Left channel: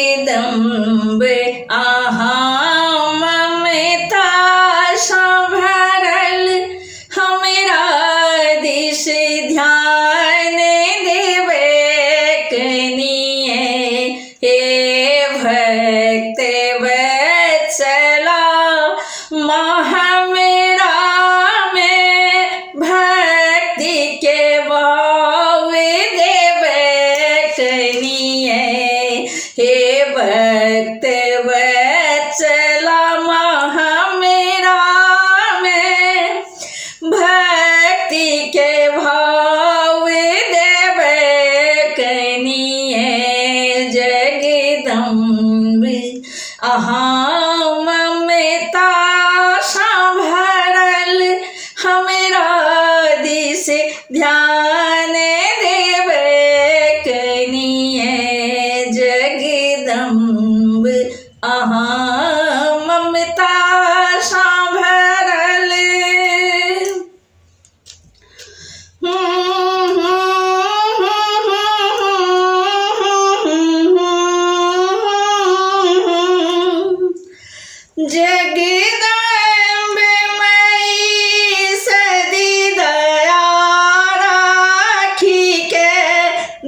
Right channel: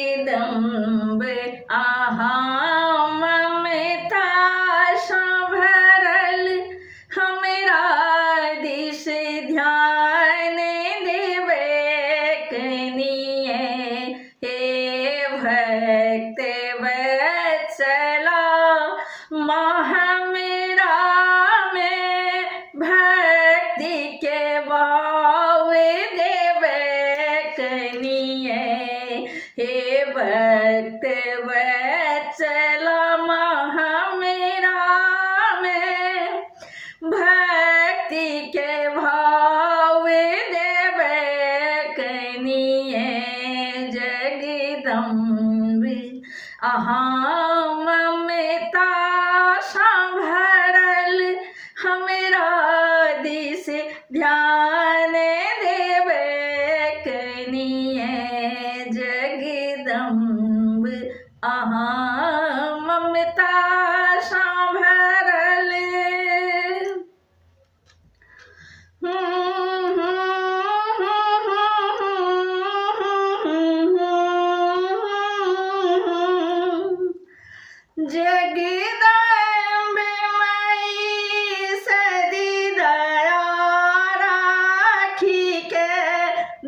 जगदम्बे अहाँ ममता संभरल हमरा दिस ध्यान देवे कनिए हे भक्त वत्सला हमरा में भक्ति के भाव देवे कनिए हे भक्त वत्सला हमरा में भक्ति के भाव देवे कनिए जगदम्बे अहाँ ममता संभरल हमरा दिस ध्यान देवे कनिए जगदम्बे अहाँ ममता संभरल जगदम्बे मई सदी दया राखी के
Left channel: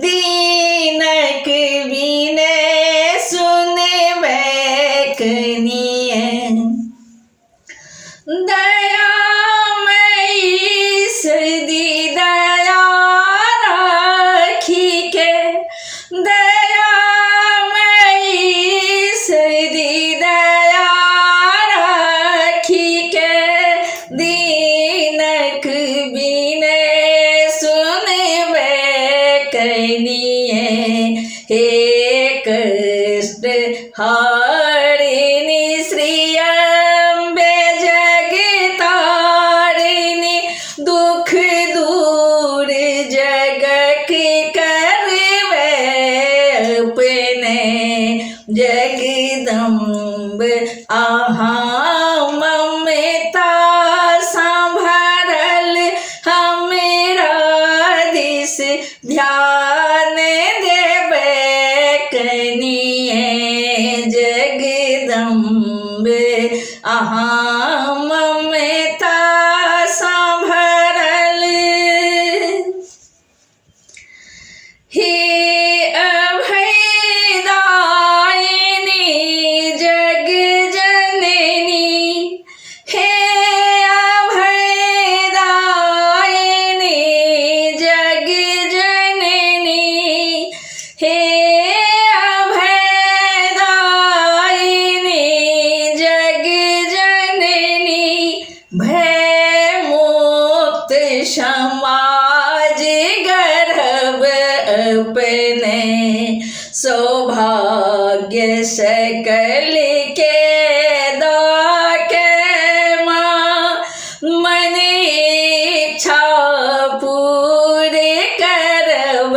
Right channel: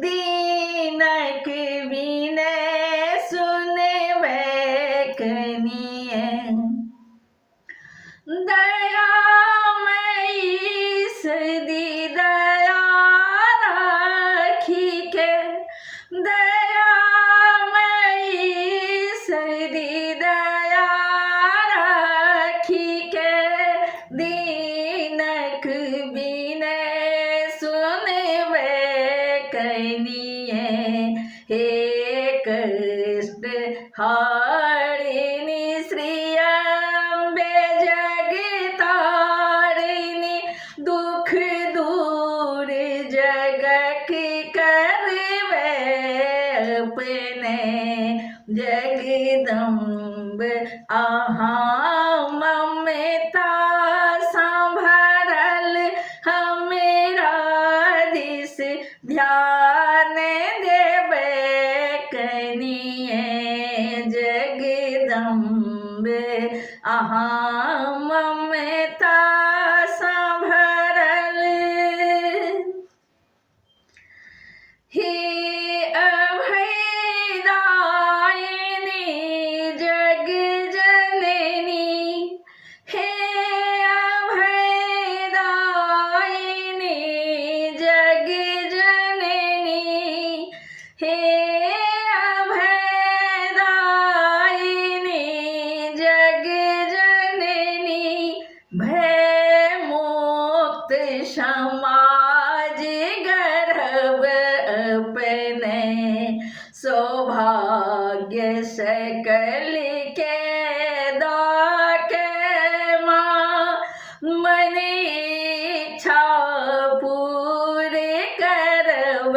दीनक विनय सुनबे कनिए दयामयी सदी दया राखी के दयामयी सदी दया राखी के दीनक विनय सुनबे कनिए हे कष्ट हारिणी श्री अम्बे जगतारिणी दुख दूर जगत करवे अपने जगदम्बे अहाँ ममता संभरल हमरा दिस ध्यान देवे कनिए जगदम्बे अहाँ ममता संभरल हे अभयदायिनी जग जननी हे अभयदायिनी जग जननी हे अभयदायिनी जग जननी भय मुक्त समाज गर्भ अपने सौभाग्य सकल के दाके माँ मन इच्छा पूरी करब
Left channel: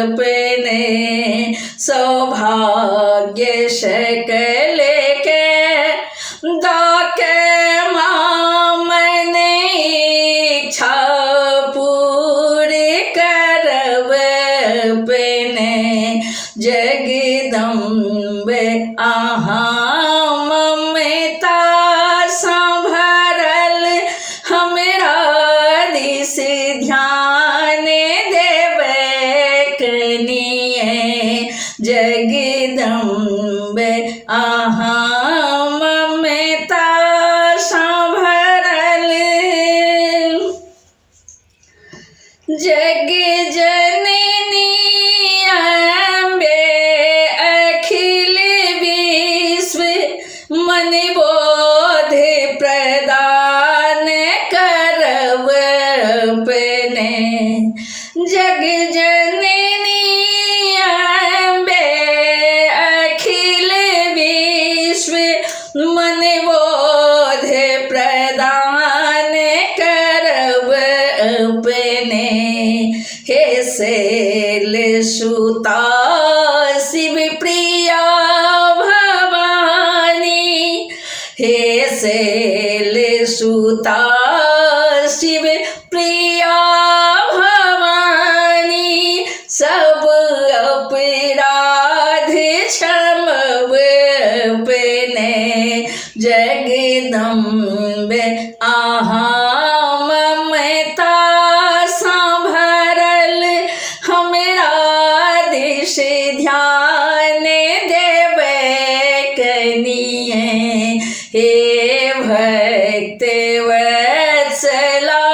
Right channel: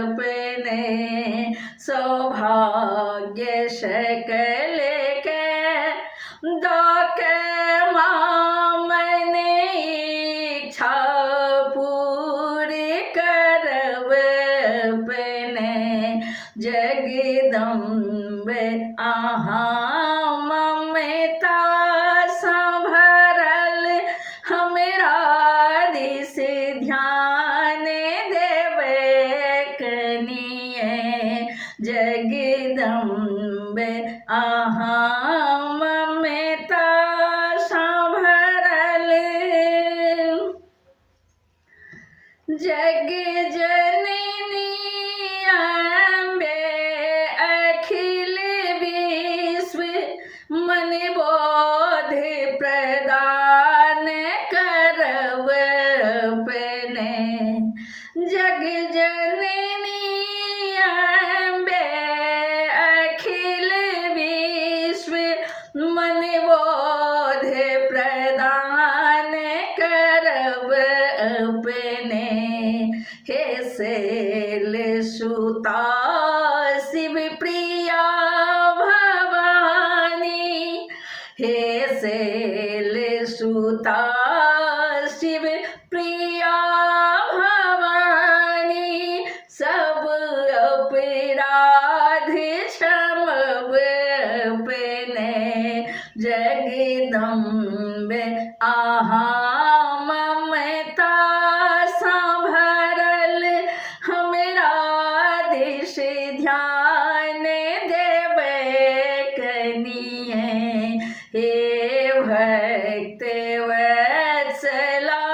अपने सौभाग्य सकल के दाके माँ मन इच्छा पूरी करब अपने जगदम्बे अहाँ ममता संभरल हमरा दिस ध्यान देवे कनिए जगदम्बे अहाँ ममता संभरल जग जननी अम्बे अखिल विश्व मन बोध प्रदान करब अपने जग जननी अम्बे अखिल विश्व मन बोध प्रदान करब अपने हे शैल सुता शिव प्रिया भवानी, हे शैल सुता शिव प्रिया भवानी, सब अपराध क्षमवे अपने जगदम्बे आहा ममता संभरल हमरा दिश ध्यान देवे कनिए, हे भक्त वत्सला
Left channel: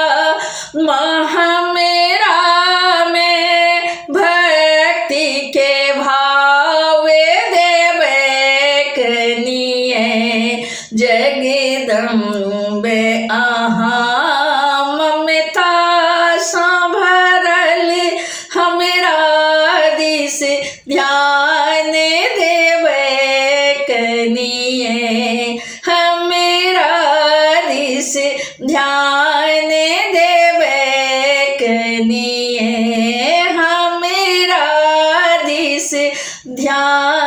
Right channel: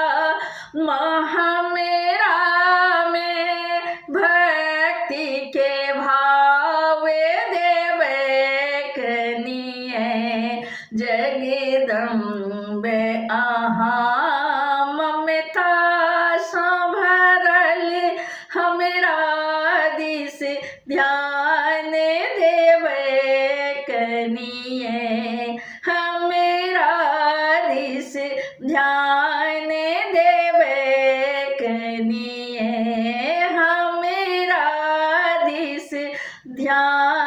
हमरा में भक्ति के भाव देवे कनिए, जगदम्बे आहा ममता संभरल हमरा दिस ध्यान देवे कनिए, हमरा दिस ध्यान देवे कनिए, हमरा दिस ध्यान